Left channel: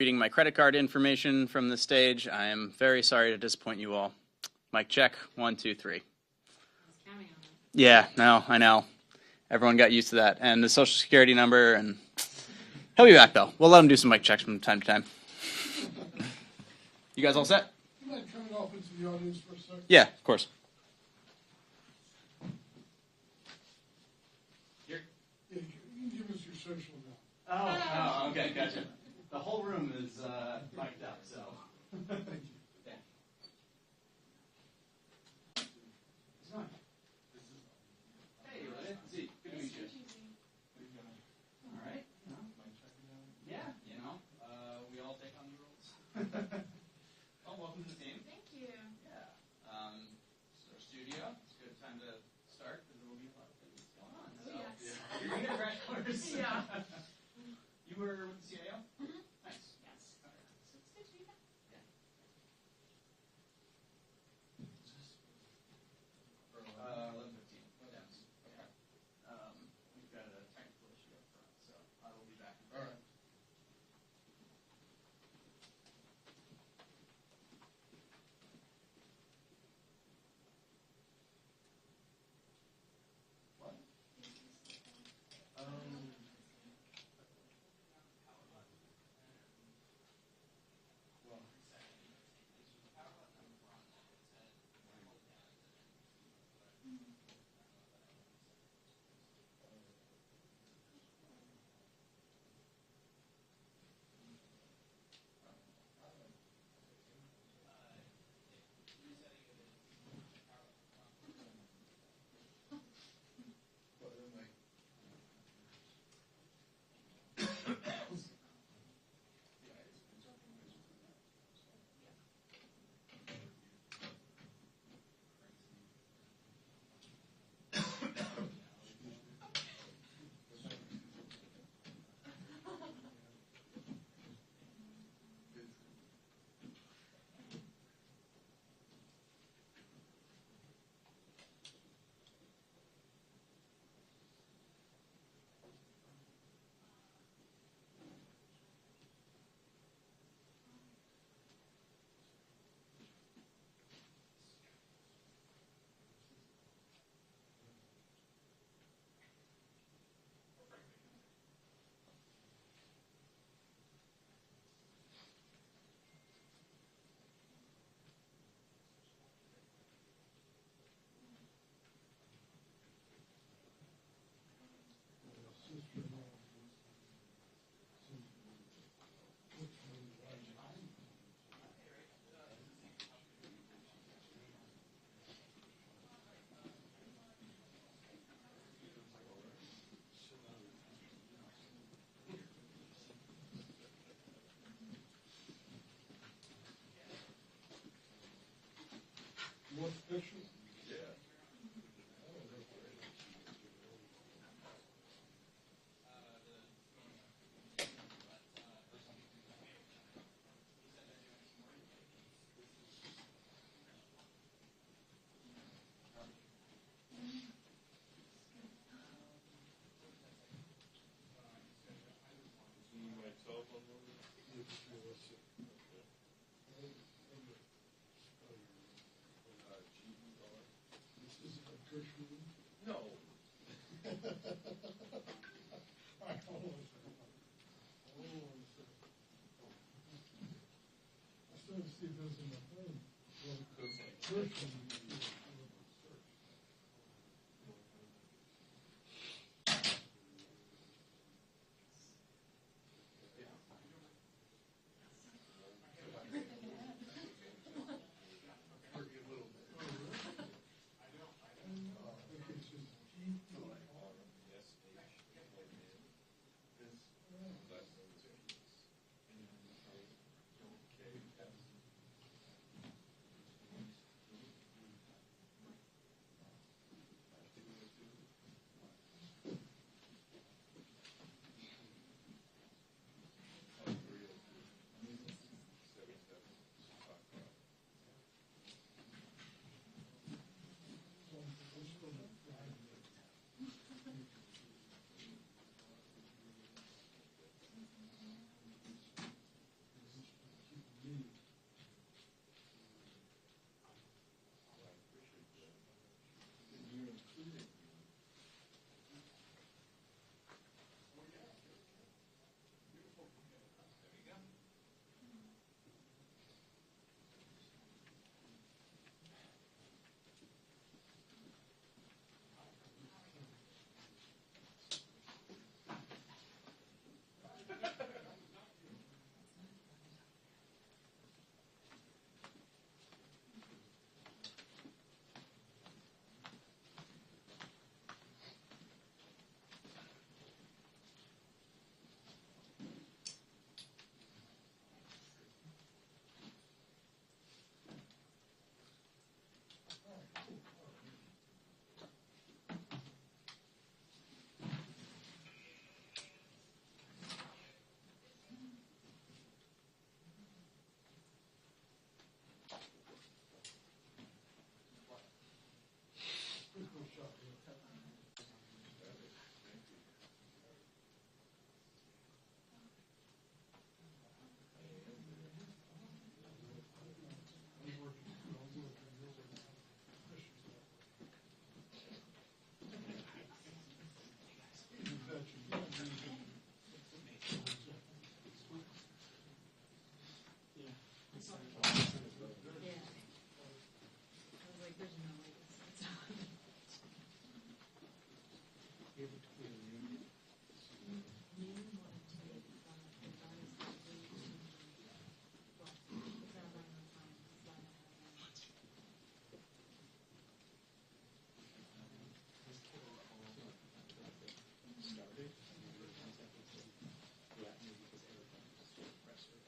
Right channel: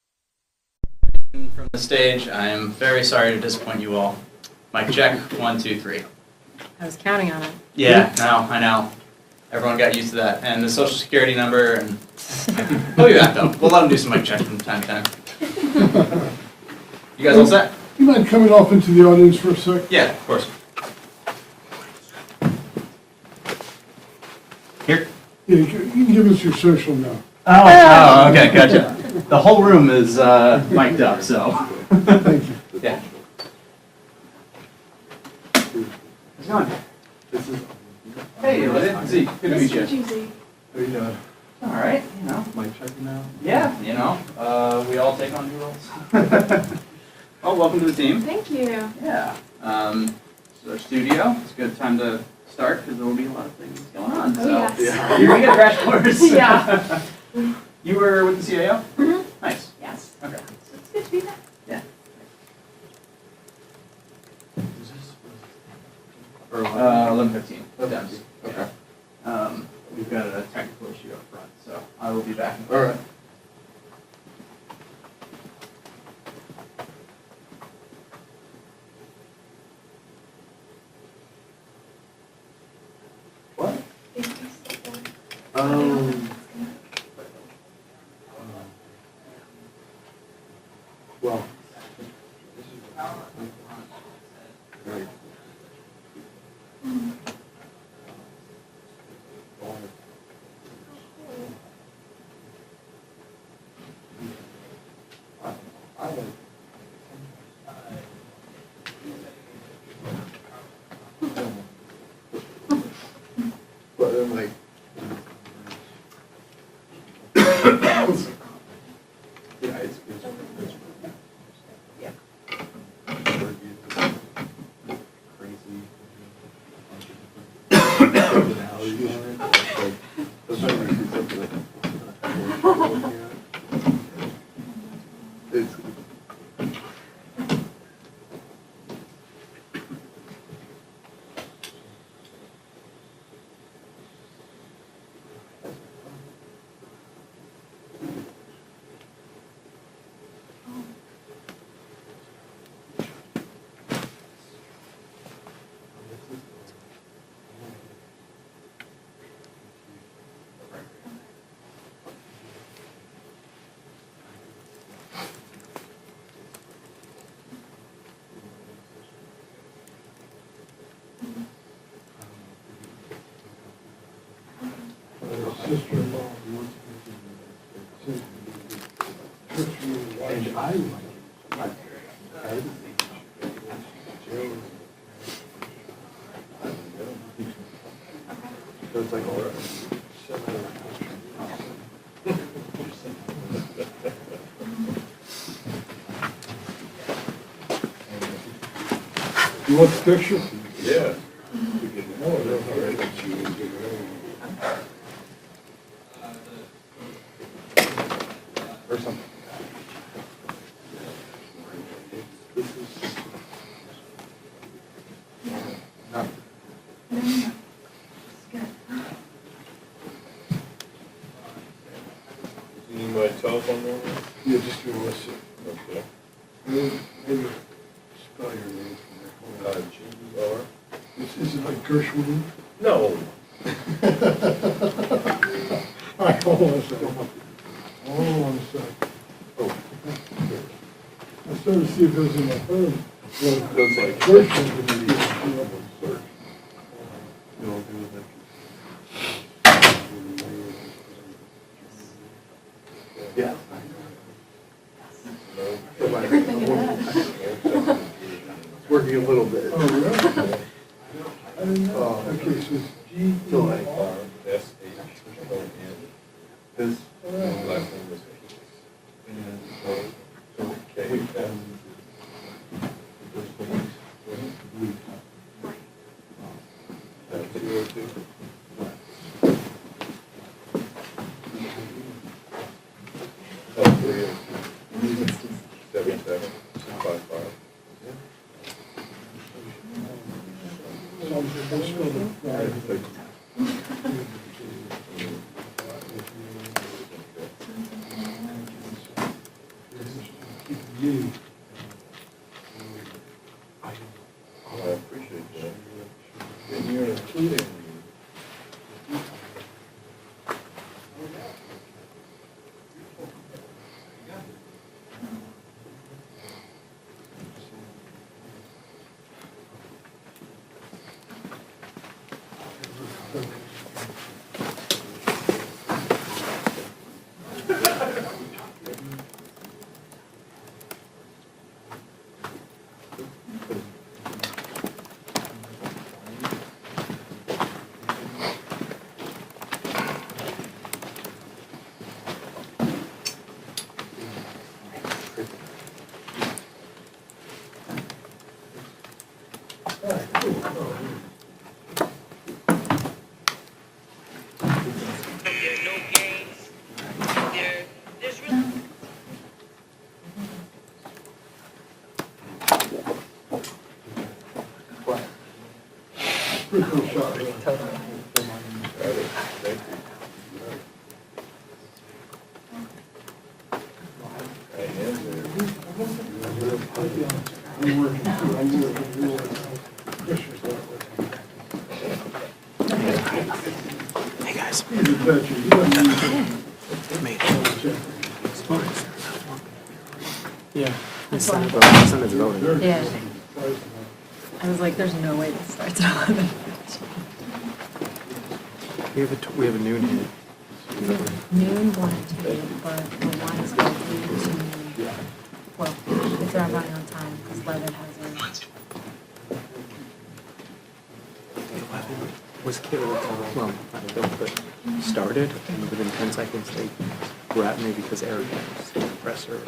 Reading my credit card information from the stage. I am very sorry to disappoint you all. Mic check, 1, 2, 3. I was counting on it. Yeah, no, I know. Everyone got used to that. And the social security number, and we'll be back though. We'll let them do some mic checks from time to time. You guys all set? You mind coming off into the audience for a sec? Yeah, of course. Here? Yeah, you can give us your social now. Oh, okay, gotcha. The whole room is mic'd up, so. Thank you. Yeah. How's it going? Hey, Z. Good to meet you. How you doing? All right, you know. Mic checking now? Yeah, you know, we all take on new roles. Well, welcome to the team. Thank you. Yeah. This is our studio. It's a good time to start because there will be a lot of things going on. Oh, So yes. you're gonna get a crash course. Yeah. You were with the CAO? Mm-hmm. Nice. Yes. Okay. So it's good to be back. Yeah. 11:15. Okay. Okay. We've got a technical issue up front, so I will be back. All right. What? Well. Right. I like. But then like. Yeah, it's Yeah. crazy. Personalities on it. Like, especially if it's it's. Sister-in-law wants and I like so it's like all right. You want the picture? Yeah. Or something. This is not. No, no. It's good. You need my telephone number? Yeah, just give us Okay. maybe spell your name for me. G-E-R? Is it like Gershwin? No. All right, hold on a second. Hold on a sec. Oh. I started to see if it was in my phone. Well, Looks like Gershwin would be search. You won't do that. Yeah. Everything in it. It's working a little bit. Oh, really? I didn't know. Okay, so it's G. So like S-H-O-N. His last name was P. So K-S. D. I appreciate that. And you're including Pretty cool shot. I'm working too. I'm working. Christian's not working. Hey guys, He's a touchy. He doesn't use it. mate. Yeah. My son is voting. Yeah. I was like, there's no way this starts at 11. We have a noon hit. Noon, 1 and 2, but the one is going to, well, if they're not running on time, because Levitt has Was killed, well, not killed, but started, and within 10 seconds they grabbed me because Eric was the oppressor.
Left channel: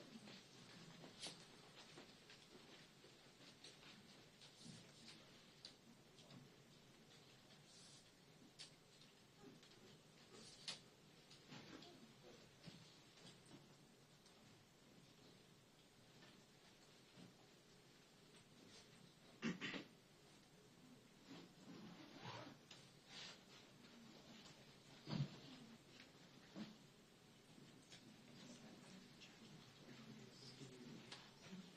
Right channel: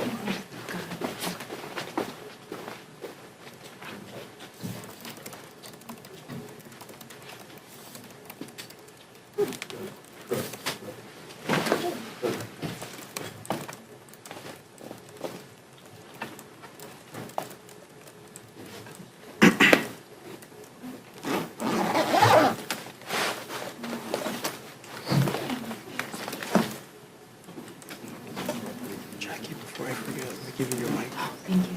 Jackie, before I forget, let me give you your mic. Thank you.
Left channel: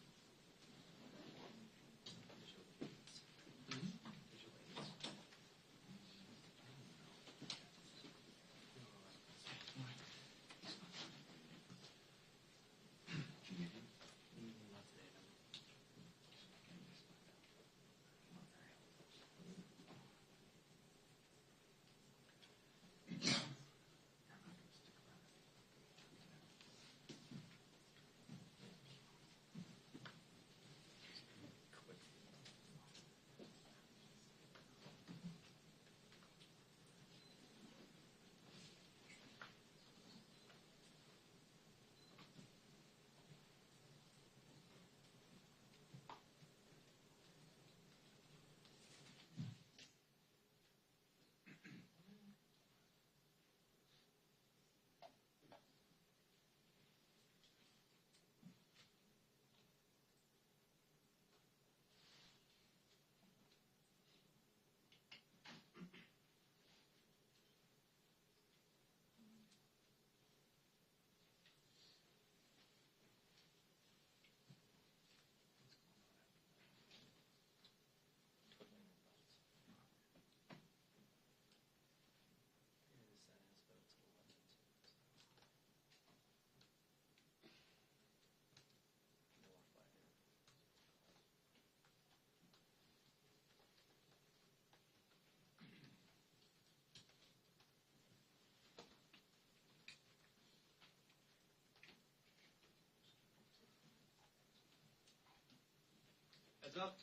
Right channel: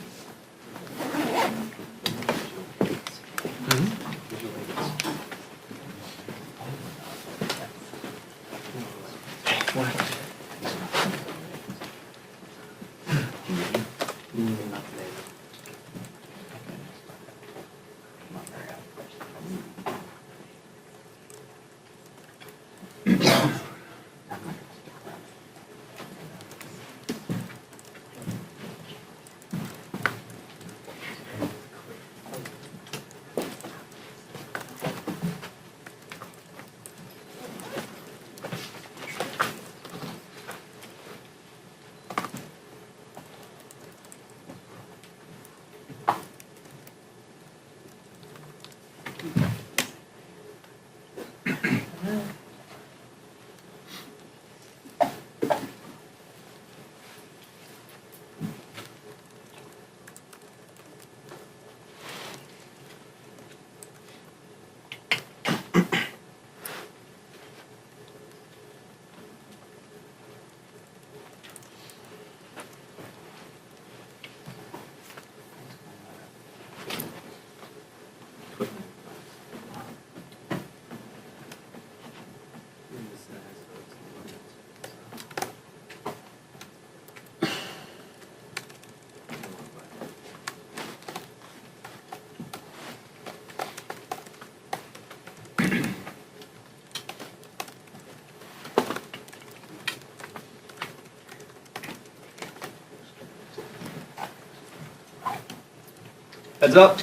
Heads up.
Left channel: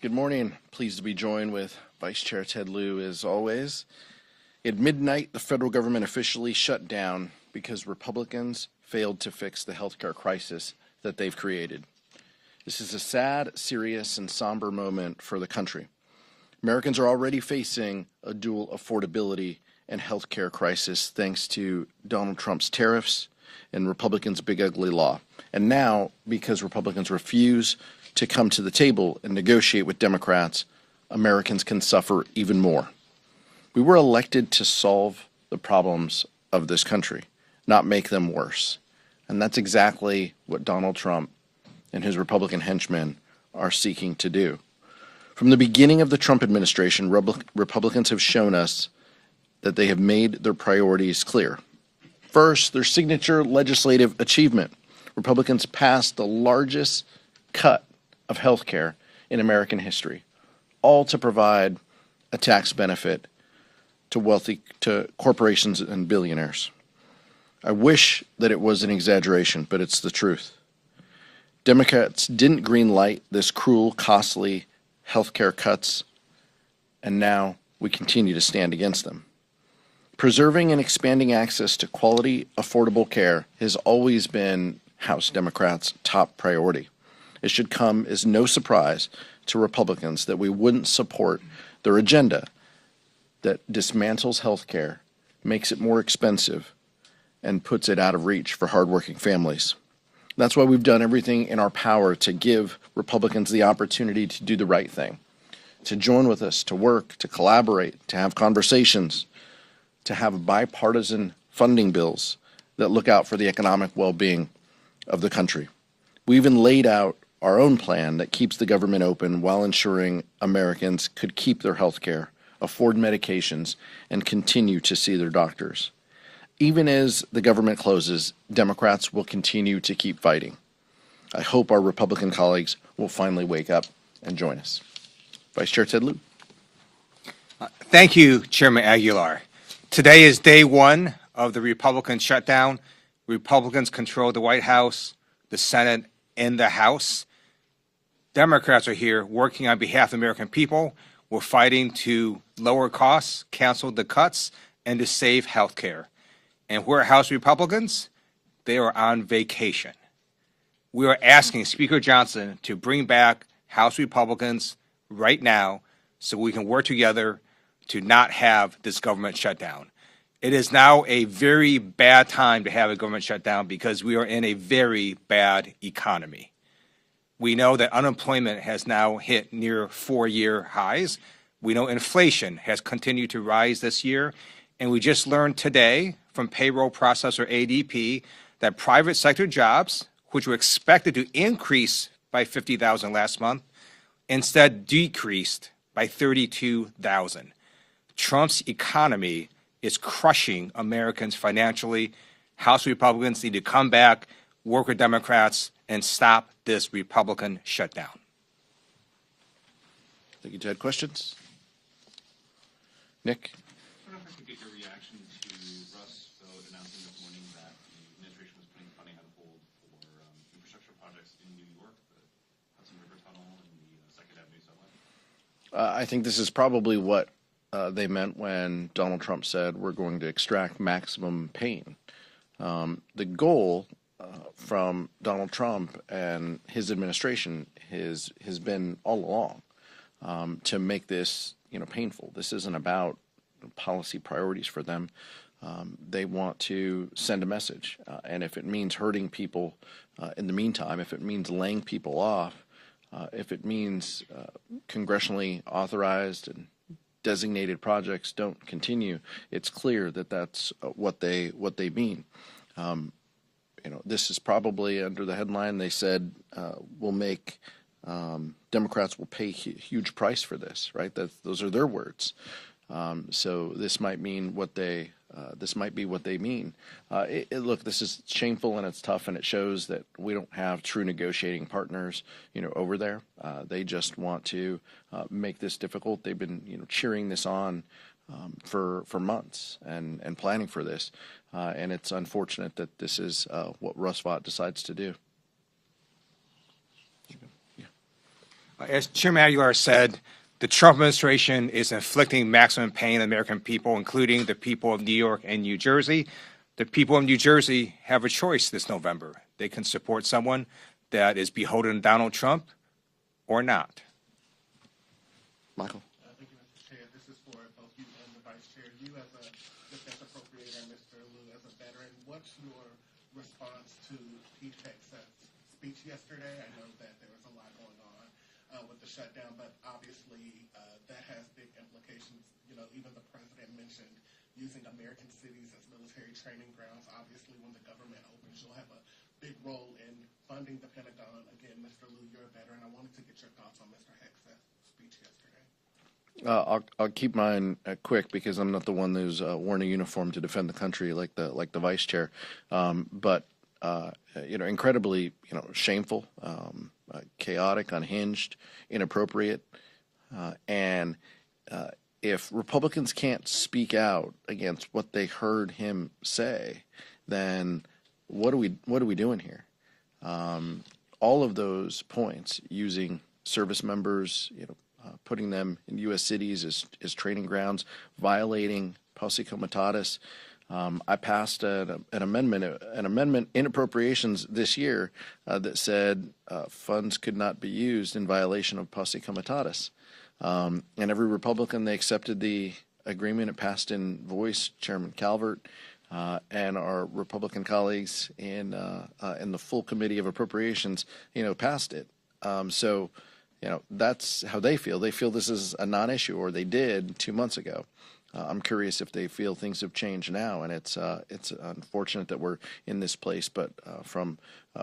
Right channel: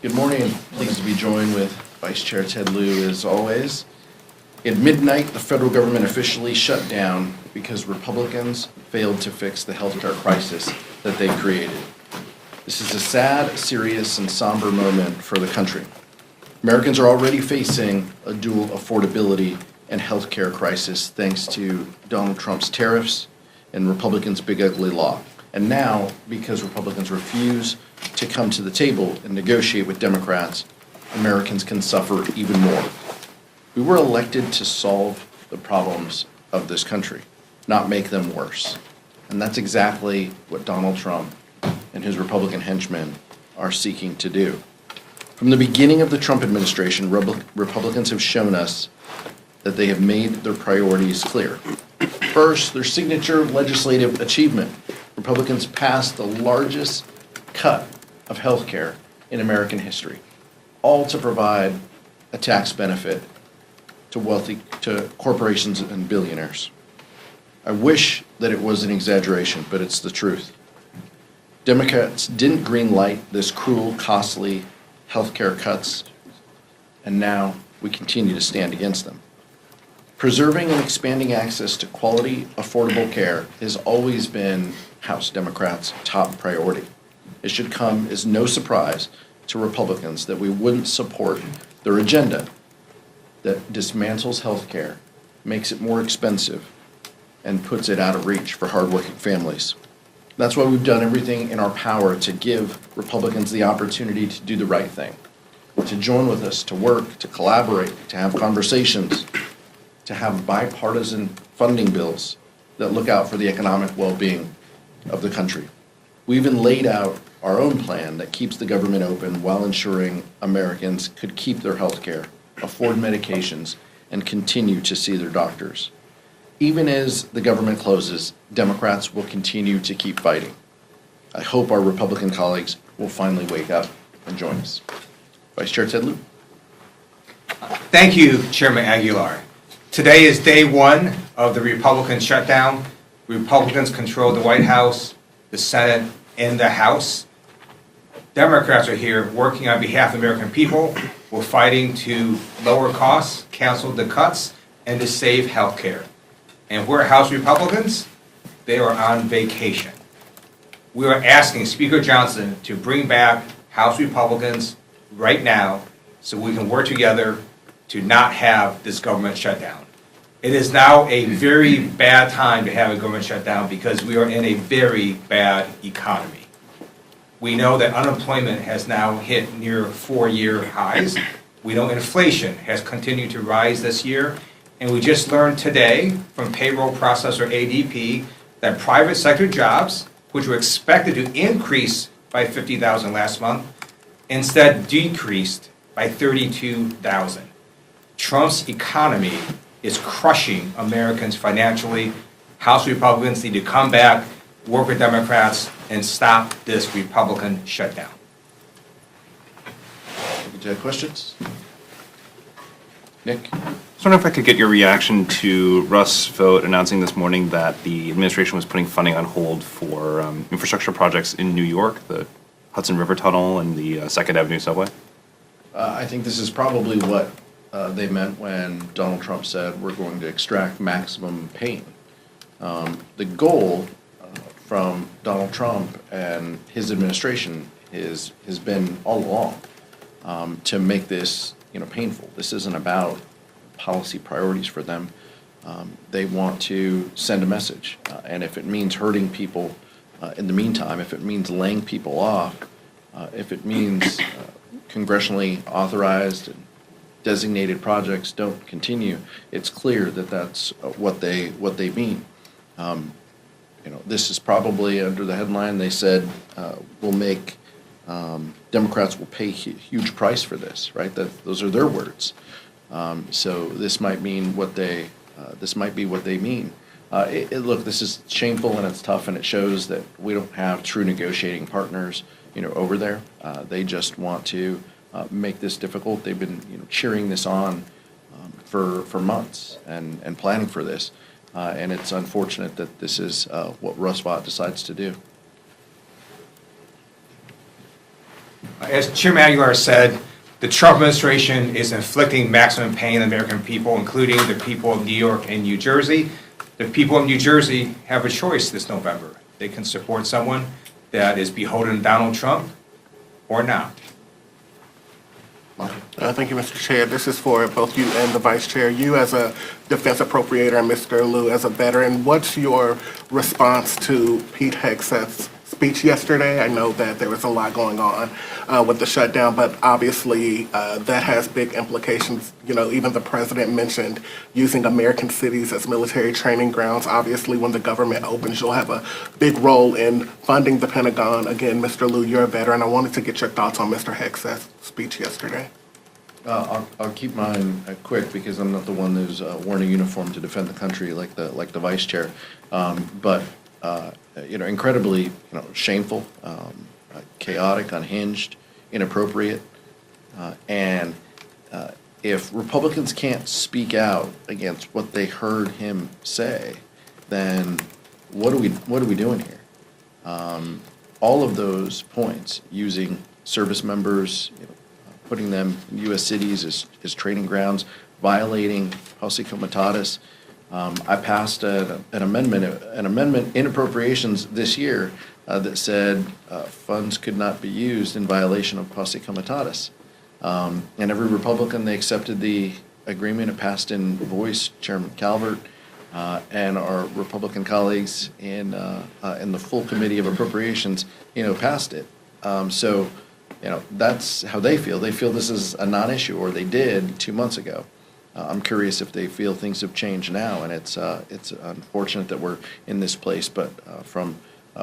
Good morning. Pleased to be joined with Vice Chair Ted Lieu as always. At midnight, the federal government officially shut down because Republicans failed to fix the healthcare crisis that they created. This is a sad, serious, and somber moment for the country. Americans are already facing a dual affordability and healthcare crisis thanks to Donald Trump's tariffs and Republicans' big ugly law. And now, because Republicans refuse to come to the table and negotiate with Democrats, Americans can suffer even more. We were elected to solve the problems of this country, not make them worse. And that's exactly what Donald Trump and his Republican henchmen are seeking to do. From the beginning of the Trump administration, Republicans have shown us that they have made their priorities clear. First, their signature legislative achievement. Republicans passed the largest cut of health care in American history, all to provide a tax benefit to corporations and billionaires. I wish that it was an exaggeration, but it's the truth. Democrats didn't greenlight this cruel, costly healthcare cuts, and now we continue to stand against them. Preserving and expanding access to quality, affordable care has always been House Democrats' top priority. It should come as no surprise to Republicans that we wouldn't support their agenda that dismantles healthcare, makes it more expensive, and puts it out of reach for hardworking families. That's why we've done everything in our power to give Republicans the opportunity to do the right thing, to join with us, to work, to collaborate, to have conversations, to have bipartisan funding bills that look out for the economic well-being of the country. We even laid out our own plan that keeps the government open while ensuring Americans could keep their health care, afford medications, and continue to see their doctors. Even as the government closes, Democrats will continue to keep fighting. I hope our Republican colleagues will finally wake up and join us. Vice Chair Ted Lieu. Thank you, Chairman Aguilar. Today is day one of the Republican shutdown. Republicans control the White House, the Senate, and the House. Democrats are here working on behalf of the American people. We're fighting to lower costs, cancel the cuts, and to save health care. And we're House Republicans, they are on vacation. We are asking Speaker Johnson to bring back House Republicans right now so we can work together to not have this government shutdown. It is now a very bad time to have a government shutdown because we are in a very bad economy. We know that unemployment has now hit near 4-year highs. We know inflation has continued to rise this year. And we just learned today from payroll processor ADP that private sector jobs, which were expected to increase by 50,000 last month, instead decreased by 32,000. Trump's economy is crushing Americans financially. House Republicans need to come back, work with Democrats, and stop this Republican shutdown. Do you have questions? Nick? I was wondering if I could get your reaction to Russ' vote announcing this morning that the administration was putting funding on hold for infrastructure projects in New York, the Hudson River Tunnel and the 2nd Avenue subway. I think this is probably what they meant when Donald Trump said we're going to extract maximum pain. The goal from Donald Trump and his administration has been all along to make this painful. This isn't about policy priorities for them. They want to send a message, and if it means hurting people in the meantime, if it means laying people off, if it means congressionally authorized and designated projects don't continue, it's clear that that's what they mean. This is probably under the headline they said will make Democrats will pay a huge price for this, right? Those are their words. So this might mean what they this might be what they mean. Look, this is shameful and it's tough, and it shows that we don't have true negotiating partners, over there. They just want to make this difficult. They've been, cheering this on for months and planning for this, and it's unfortunate that this is what Russ Vought decides to do. As Chairman Aguilar said, the Trump administration is inflicting maximum pain on the American people, including the people of New York and New Jersey. The people of New Jersey have a choice this November. They can support someone that is beholden to Donald Trump or not. Thank you, Mr. Chair. This is for both you and the Vice Chair. You as a defense appropriator and Mr. Lieu as a veteran, what's your response to Pete Hegseth's speech yesterday. I know that there was a lot going on with the shutdown, but obviously that has big implications. You know, even the president mentioned using American cities as military training grounds. Obviously, when the government opens, you'll have a big role in funding the Pentagon. Again, Mr. Liu, you're a veteran. I wanted to get your thoughts on Mr. Hex's speech yesterday. I'll keep mine quick because I'm not the one who's worn a uniform to defend the country like the vice chair. But incredibly, shameful, chaotic, unhinged, inappropriate, and if Republicans can't speak out against what they heard him say, then what are we doing here? All of those points, using service members, putting them in U.S. cities as training grounds, violating Posse Comitatus. I passed an amendment in appropriations this year that said funds could not be used in violation of Posse Comitatus. And every Republican, they accepted the agreement. It passed in voice. Chairman Calvert and our Republican colleagues in the full committee of appropriations, passed it. So, that's how they feel. They feel this is a non-issue, or they did 2 months ago. I'm curious if they feel things have changed now, and it's unfortunate that we're in this place. But from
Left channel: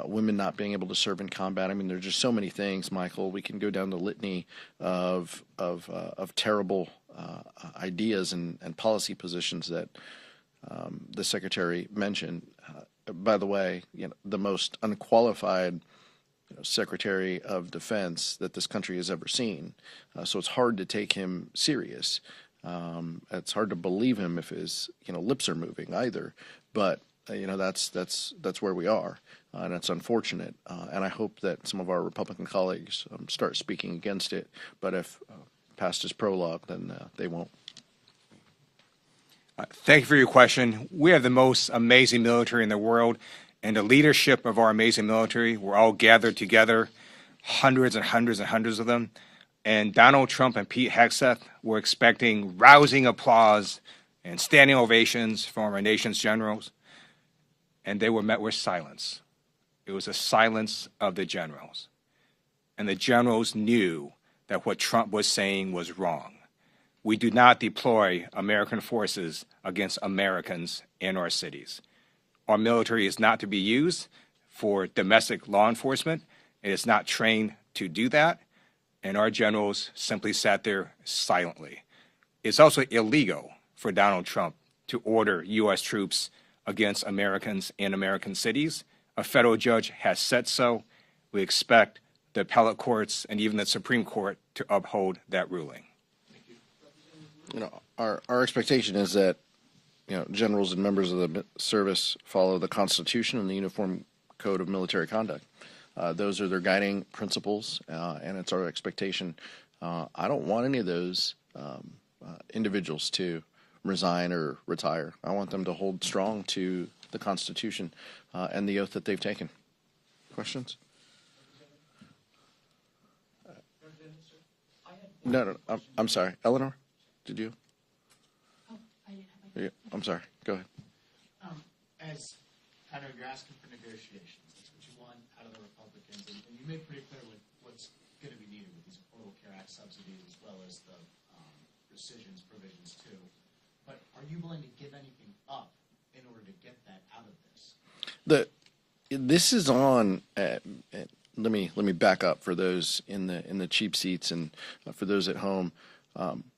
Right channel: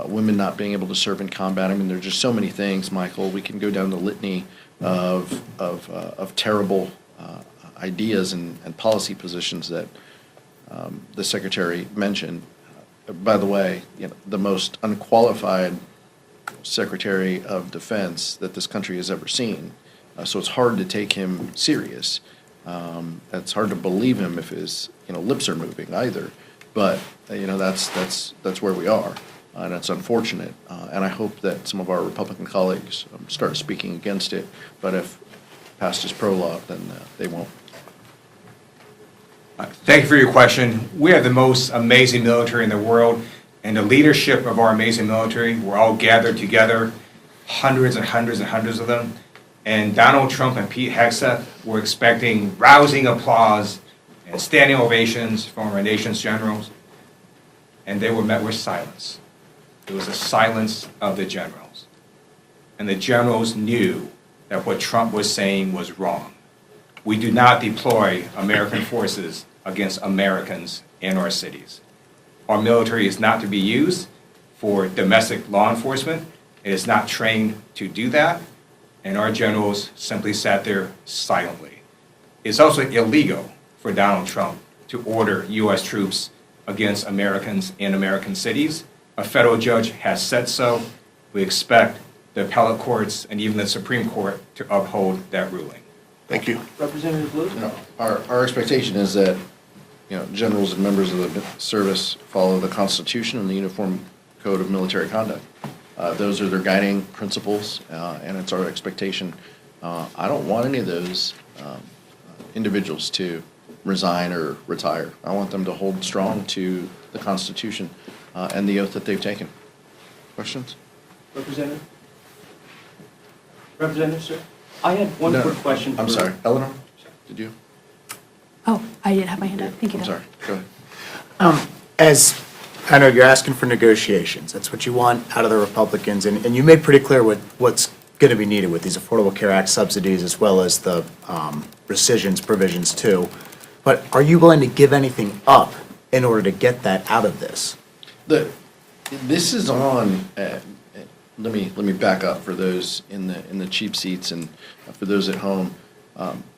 women not being able to serve in combat, I mean, there's just so many things, Michael. We can go down the litany of terrible ideas and policy positions that the secretary mentioned. By the way, the most unqualified Secretary of Defense that this country has ever seen. So it's hard to take him serious. It's hard to believe him if his lips are moving either. But that's where we are, and it's unfortunate. And I hope that some of our Republican colleagues start speaking against it. But if past is pro-law, then they won't. Thank you for your question. We are the most amazing military in the world, and the leadership of our amazing military, we're all gathered together, hundreds and hundreds and hundreds of them, and Donald Trump and Pete Hegseth were expecting rousing applause and standing ovations from our nation's generals, and they were met with silence. It was a silence of the generals. And the generals knew that what Trump was saying was wrong. We do not deploy American forces against Americans in our cities. Our military is not to be used for domestic law enforcement. It is not trained to do that, and our generals simply sat there silently. It's also illegal for Donald Trump to order U.S. troops against Americans in American cities. A federal judge has said so. We expect the appellate courts and even the Supreme Court to uphold that ruling. Thank you. Representative Liu? Our expectation is that generals and members of the service follow the Constitution and the Uniform Code of Military Conduct. Those are their guiding principles, and it's our expectation. I don't want any of those individuals to resign or retire. I want them to hold strong to the Constitution and the oath that they've taken. Questions? Representative? Representative, sir? I had one quick question. I'm sorry. Eleanor, did you? Oh, I didn't have my hand up. Thank you. I'm sorry. Go ahead. As I know you're asking for negotiations, that's what you want out of the Republicans, and you made pretty clear what's going to be needed with these Affordable Care Act subsidies as well as the rescissions provisions too. But are you willing to give anything up in order to get that out of this? This is on. Let me back up for those in the cheap seats and for those at home.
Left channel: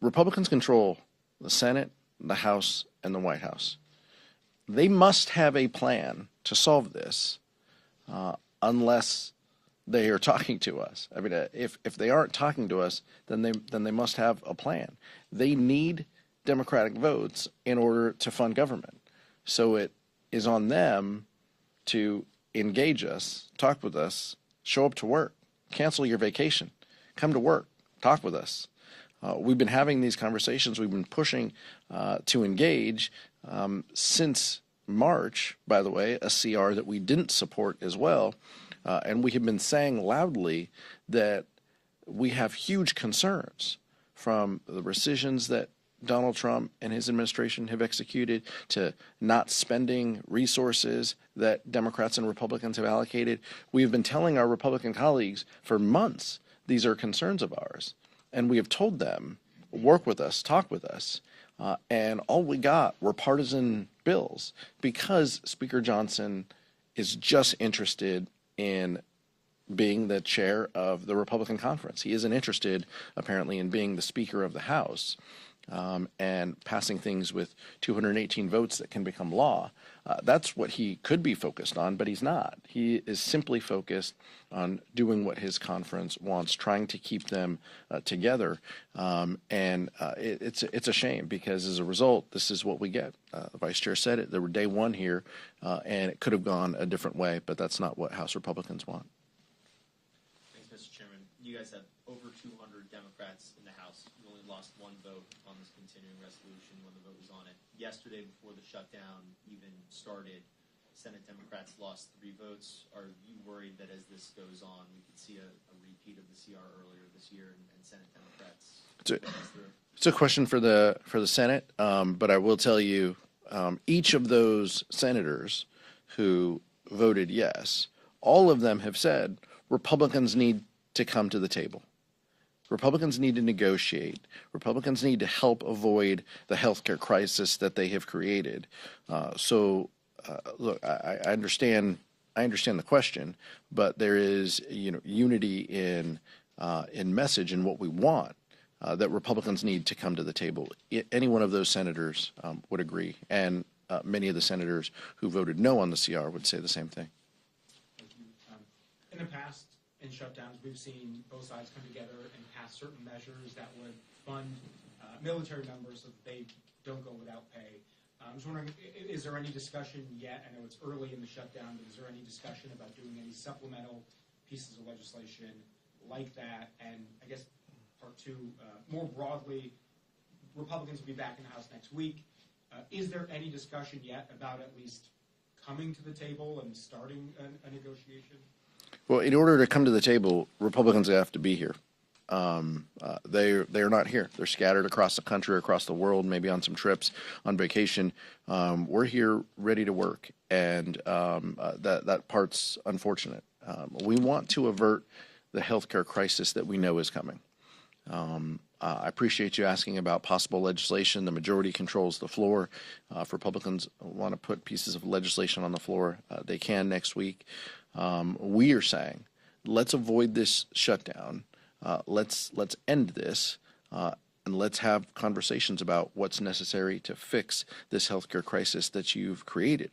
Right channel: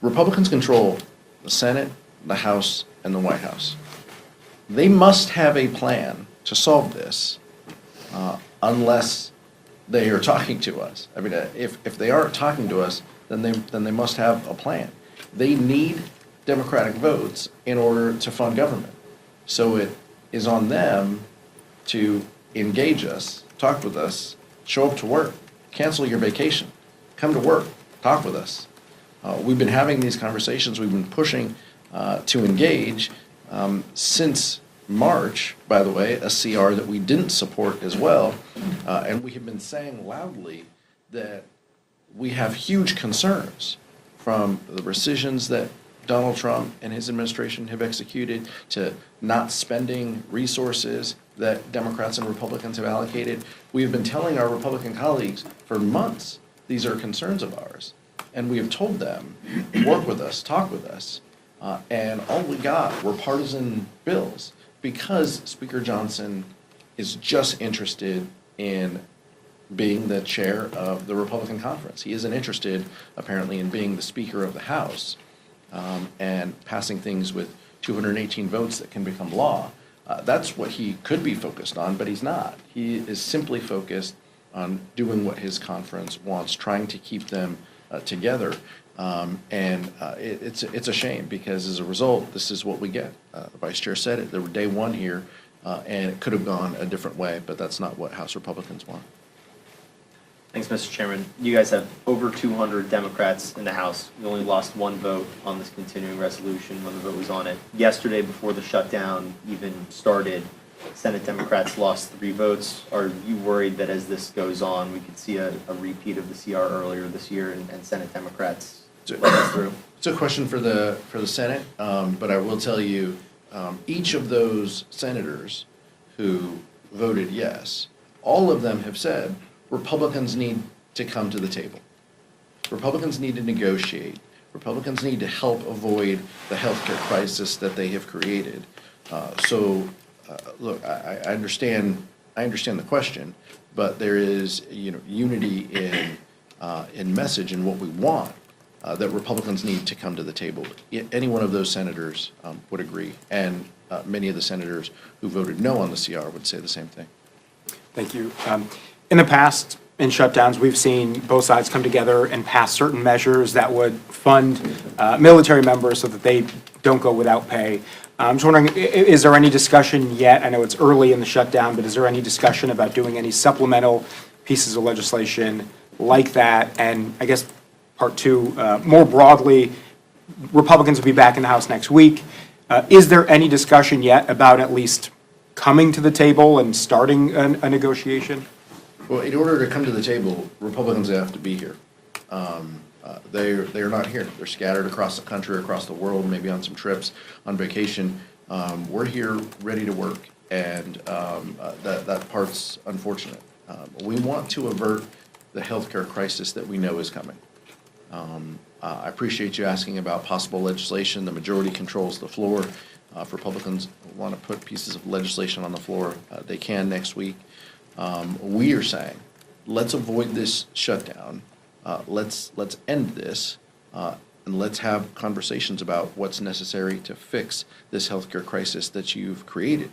Republicans control the Senate, the House, and the White House. They must have a plan to solve this, unless they are talking to us. I mean, if they aren't talking to us, then they must have a plan. They need Democratic votes in order to fund government. So it is on them to engage us, talk with us, show up to work, cancel your vacation, come to work, talk with us. We've been having these conversations. We've been pushing to engage since March, by the way, a CR that we didn't support as well. And we have been saying loudly that we have huge concerns from the rescissions that Donald Trump and his administration have executed, to not spending resources that Democrats and Republicans have allocated. We have been telling our Republican colleagues for months these are concerns of ours, and we have told them, work with us, talk with us, and all we got were partisan bills because Speaker Johnson is just interested in being the chair of the Republican conference. He isn't interested, apparently, in being the Speaker of the House and passing things with 218 votes that can become law. That's what he could be focused on, but he's not. He is simply focused on doing what his conference wants, trying to keep them together. It's a shame because as a result, this is what we get. The Vice Chair said it. There were day one here, and it could have gone a different way, but that's not what House Republicans want. Thanks, Mr. Chairman. You guys have over 200 Democrats in the House. You only lost one vote on this continuing resolution when the vote was on it. Yesterday, before the shutdown even started, Senate Democrats lost 3 votes. Are you worried that as this goes on, we could see a repeat of the CR earlier this year and Senate Democrats let us through? It's a question for the Senate, but I will tell you, each of those senators who voted yes, all of them have said Republicans need to come to the table. Republicans need to negotiate. Republicans need to help avoid the healthcare crisis that they have created. Look, I understand the question, but there is unity in message and what we want. That Republicans need to come to the table. Any one of those senators would agree, and many of the senators who voted no on the CR would say the same thing. Thank you. In the past, in shutdowns, we've seen both sides come together and pass certain measures that would fund military members so that they don't go without pay. I'm just wondering, is there any discussion yet? I know it's early in the shutdown, but is there any discussion about doing any supplemental pieces of legislation like that? And I guess part two, more broadly, Republicans will be back in the House next week. Is there any discussion yet about at least coming to the table and starting a negotiation? Well, in order to come to the table, Republicans have to be here. They're not here. They're scattered across the country, across the world, maybe on some trips, on vacation. We're here ready to work, and that part's unfortunate. We want to avert the healthcare crisis that we know is coming. I appreciate you asking about possible legislation. The majority controls the floor. If Republicans want to put pieces of legislation on the floor, they can next week. We are saying, let's avoid this shutdown. Let's end this, and let's have conversations about what's necessary to fix this healthcare crisis that you've created.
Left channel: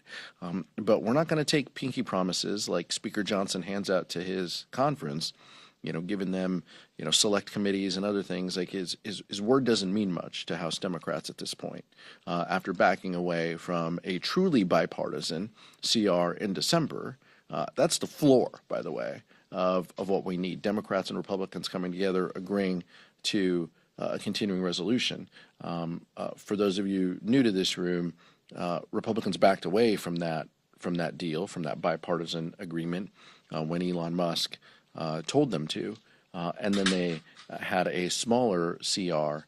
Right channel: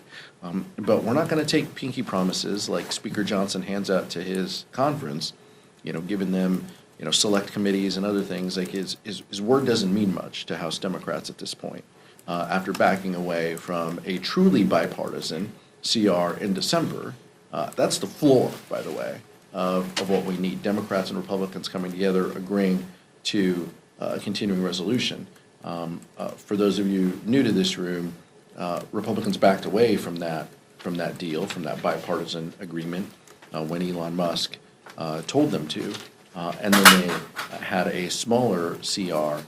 But we're not going to take pinky promises like Speaker Johnson hands out to his conference, giving them select committees and other things. Like his word doesn't mean much to House Democrats at this point. After backing away from a truly bipartisan CR in December, that's the floor, by the way, of what we need. Democrats and Republicans coming together, agreeing to a continuing resolution. For those of you new to this room, Republicans backed away from that deal, from that bipartisan agreement, when Elon Musk told them to, and then they had a smaller CR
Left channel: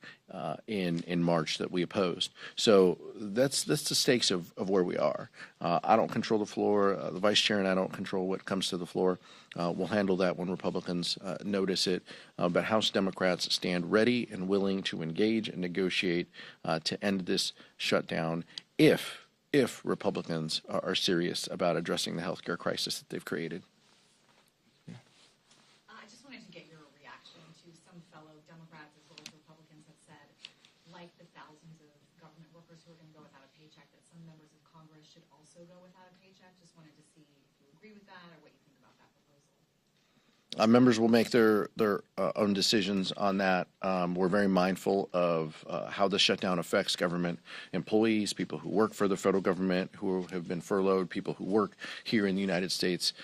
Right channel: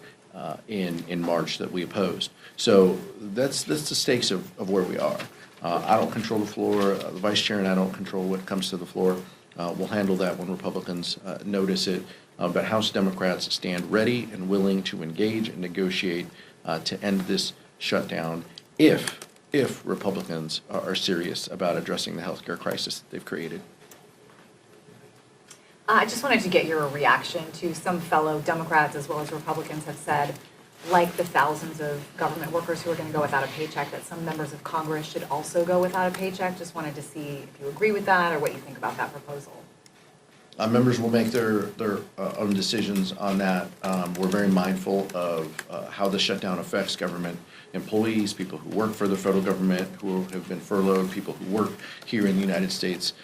in March that we opposed. So that's the stakes of where we are. I don't control the floor. The Vice Chair and I don't control what comes to the floor. We'll handle that when Republicans notice it. But House Democrats stand ready and willing to engage and negotiate to end this shutdown if Republicans are serious about addressing the healthcare crisis that they've created. I just wanted to get your reaction to some fellow Democrats as well as Republicans have said, like the thousands of government workers who are going to go without a paycheck, that some members of Congress should also go without a paycheck. Just wanted to see if you agree with that or what you think about that proposal. Members will make their own decisions on that. We're very mindful of how the shutdown affects government employees, people who work for the federal government, who have been furloughed, people who work here in the United States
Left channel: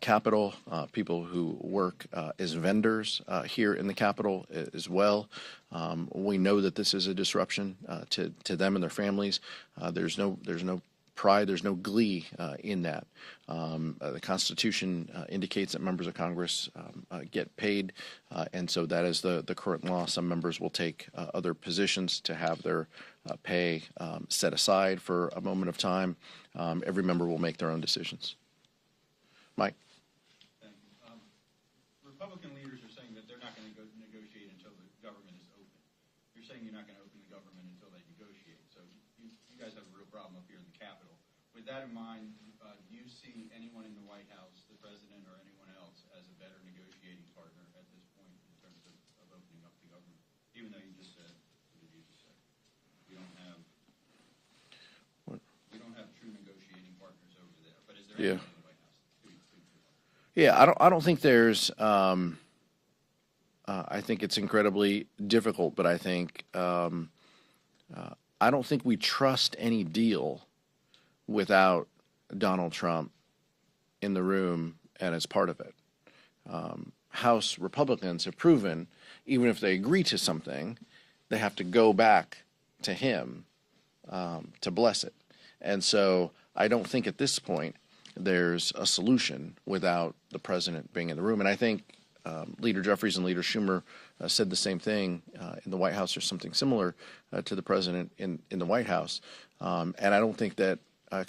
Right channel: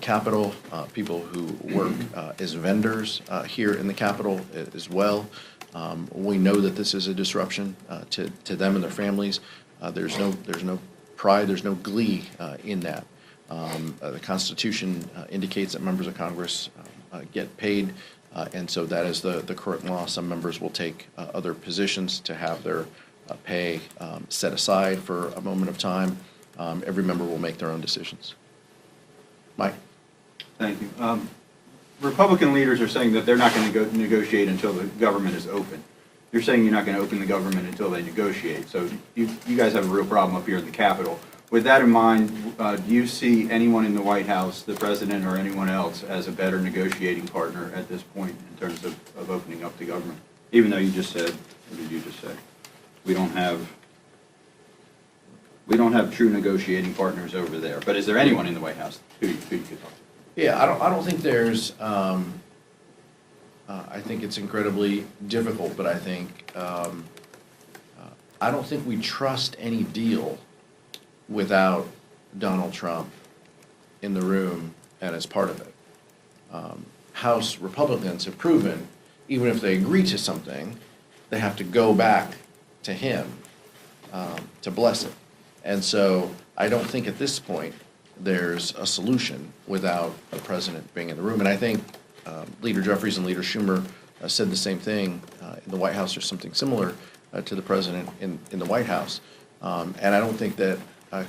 Capitol, people who work as vendors here in the Capitol as well. We know that this is a disruption to them and their families. There's no pride, there's no glee in that. The Constitution indicates that members of Congress get paid And so that is the current law. Some members will take other positions to have their pay set aside for a moment of time. Every member will make their own decisions. Mike? Thank you. Republican leaders are saying that they're not going to negotiate until the government is open. You're saying you're not going to open the government until they negotiate. So you guys have a real problem up here in the Capitol. With that in mind, do you see anyone in the White House, the president or anyone else, as a better negotiating partner at this point in terms of opening up the government? Even though you just said, what did you just say? We don't have true negotiating partners over there. But is there anyone in the White House who you could talk to? Yeah, I don't think there's, I think it's incredibly difficult, but I think, I don't think we trust any deal without Donald Trump in the room and as part of it. House Republicans have proven, even if they agree to something, they have to go back to him to bless it. And so I don't think at this point there's a solution without the president being in the room. And I think Leader Jeffries and Leader Schumer said the same thing in the White House or something similar to the president in the White House. And I don't think that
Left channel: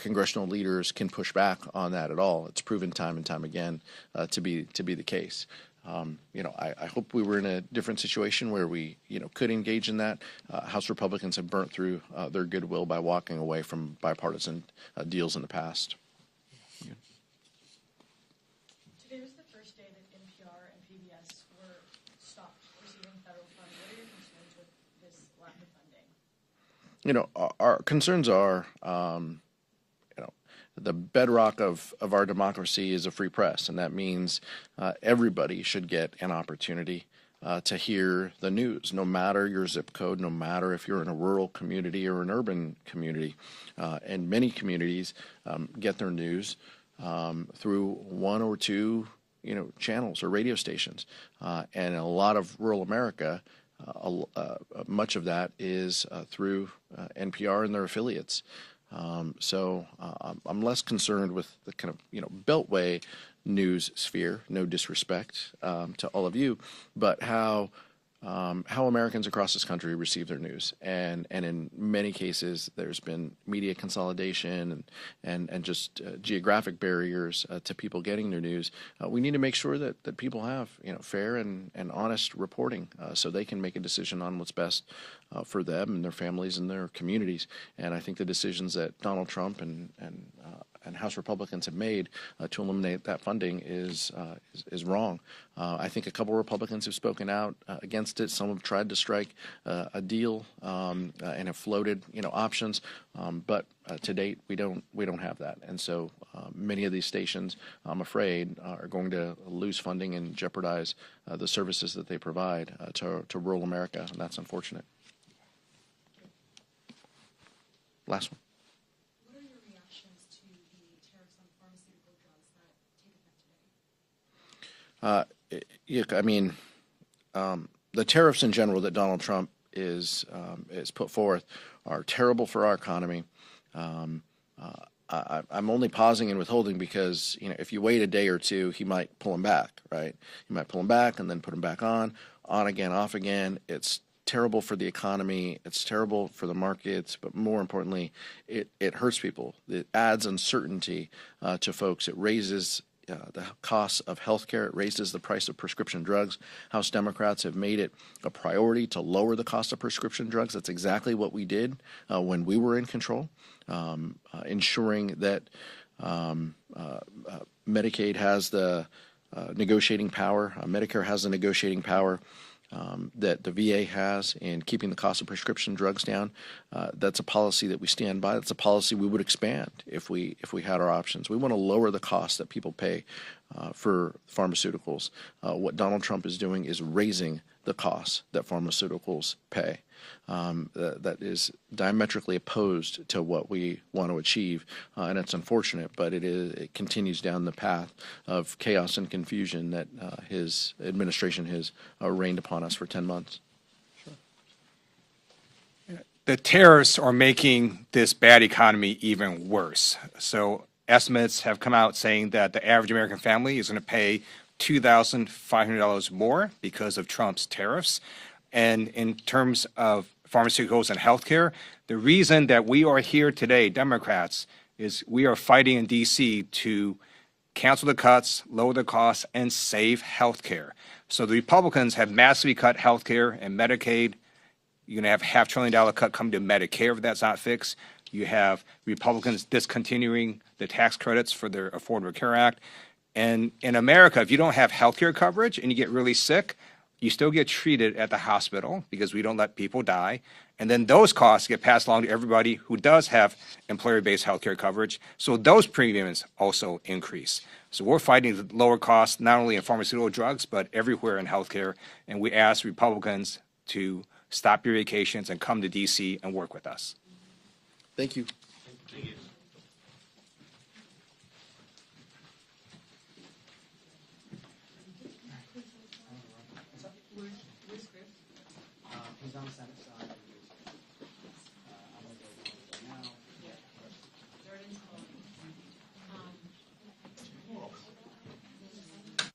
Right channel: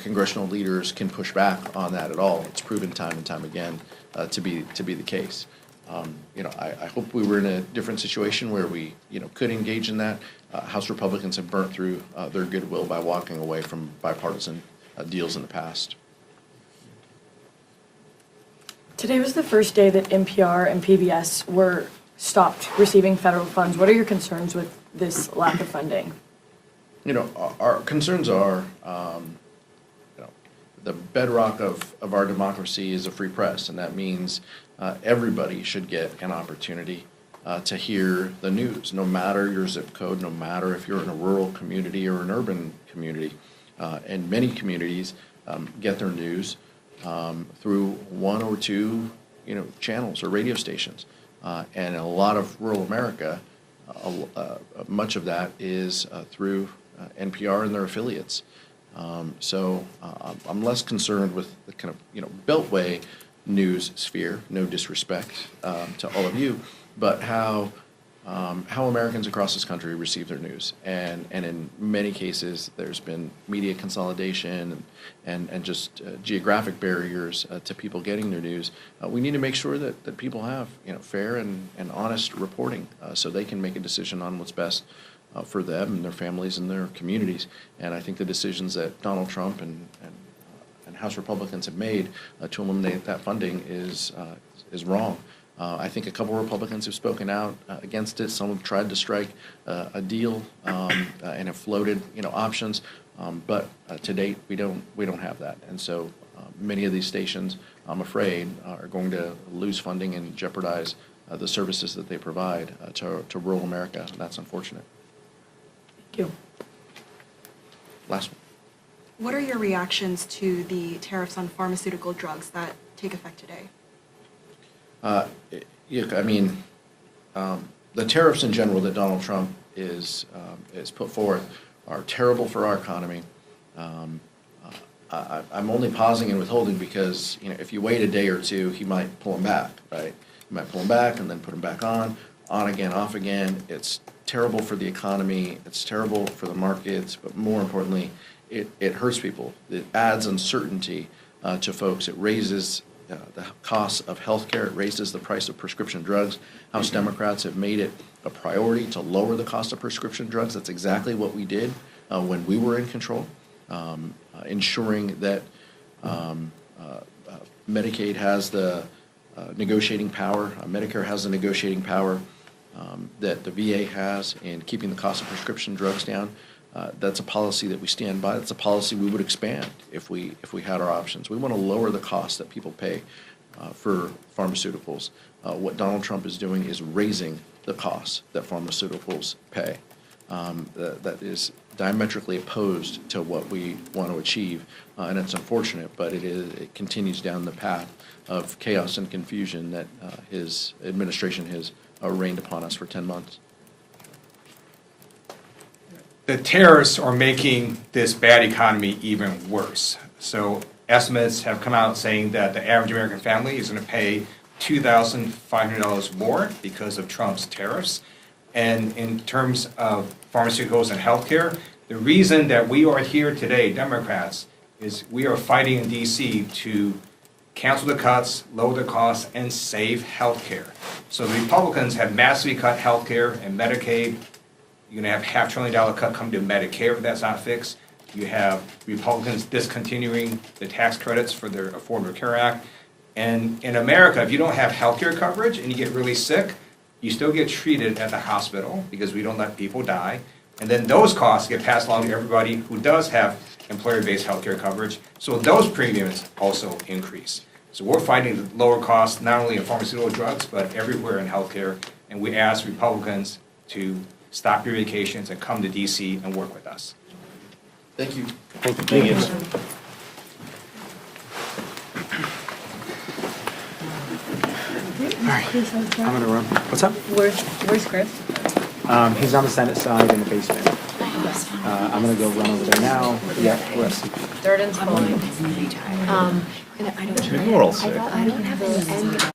congressional leaders can push back on that at all. It's proven time and time again to be the case. I hope we were in a different situation where we, could engage in that. House Republicans have burnt through their goodwill by walking away from bipartisan deals in the past. Today was the first day that NPR and PBS were stopped receiving federal funds. What are your concerns with this lack of funding? Our concerns are, the bedrock of our democracy is a free press, and that means everybody should get an opportunity to hear the news, no matter your zip code, no matter if you're in a rural community or an urban community. And many communities get their news through one or two, channels or radio stations. And in a lot of rural America, much of that is through NPR and their affiliates. So I'm less concerned with the kind of, Beltway news sphere, no disrespect to all of you, but how Americans across this country receive their news. And in many cases, there's been media consolidation and just geographic barriers to people getting their news. We need to make sure that people have, fair and honest reporting so they can make a decision on what's best for them and their families and their communities. And I think the decisions that Donald Trump and House Republicans have made to eliminate that funding is wrong. I think a couple of Republicans have spoken out against it. Some have tried to strike a deal and have floated, options. But to date, we don't have that. And so many of these stations, I'm afraid, are going to lose funding and jeopardize the services that they provide to rural America. And that's unfortunate. Thank you. Last one. What are your reactions to the tariffs on pharmaceutical drugs that take effect today? The tariffs in general that Donald Trump is put forth are terrible for our economy. I'm only pausing and withholding because if you wait a day or two, he might pull them back, right? He might pull them back and then put them back on again, off again. It's terrible for the economy. It's terrible for the markets, but more importantly, it hurts people. It adds uncertainty to folks. It raises the cost of health care. It raises the price of prescription drugs. House Democrats have made it a priority to lower the cost of prescription drugs. That's exactly what we did when we were in control, ensuring that Medicaid has the negotiating power, Medicare has the negotiating power that the VA has in keeping the cost of prescription drugs down. That's a policy that we stand by. That's a policy we would expand if we had our options. We want to lower the cost that people pay for pharmaceuticals. What Donald Trump is doing is raising the costs that pharmaceuticals pay. That is diametrically opposed to what we want to achieve, and it's unfortunate, but it continues down the path of chaos and confusion that his administration has rained upon us for 10 months. The tariffs are making this bad economy even worse. So estimates have come out saying that the average American family is going to pay $2,500 more because of Trump's tariffs. And in terms of pharmaceuticals and healthcare, the reason that we are here today, Democrats, is we are fighting in DC to cancel the cuts, lower the costs, and save healthcare. So the Republicans have massively cut healthcare and Medicaid. You're gonna have $500 billion cut come to Medicare if that's not fixed. You have Republicans discontinuing the tax credits for their Affordable Care Act. And in America, if you don't have healthcare coverage and you get really sick, you still get treated at the hospital because we don't let people die. And then those costs get passed along to everybody who does have employer-based healthcare coverage. So those premiums also increase. So we're fighting the lower costs, not only in pharmaceutical drugs, but everywhere in healthcare. And we ask Republicans to stop your vacations and come to DC and work with us. Thank you. Thank you. All right, I'm gonna run. What's up? Where's Chris? He's on the Senate side in the basement. I'm gonna go run over there now. Yeah, Wes. Durden's calling. Morals. I don't have the end.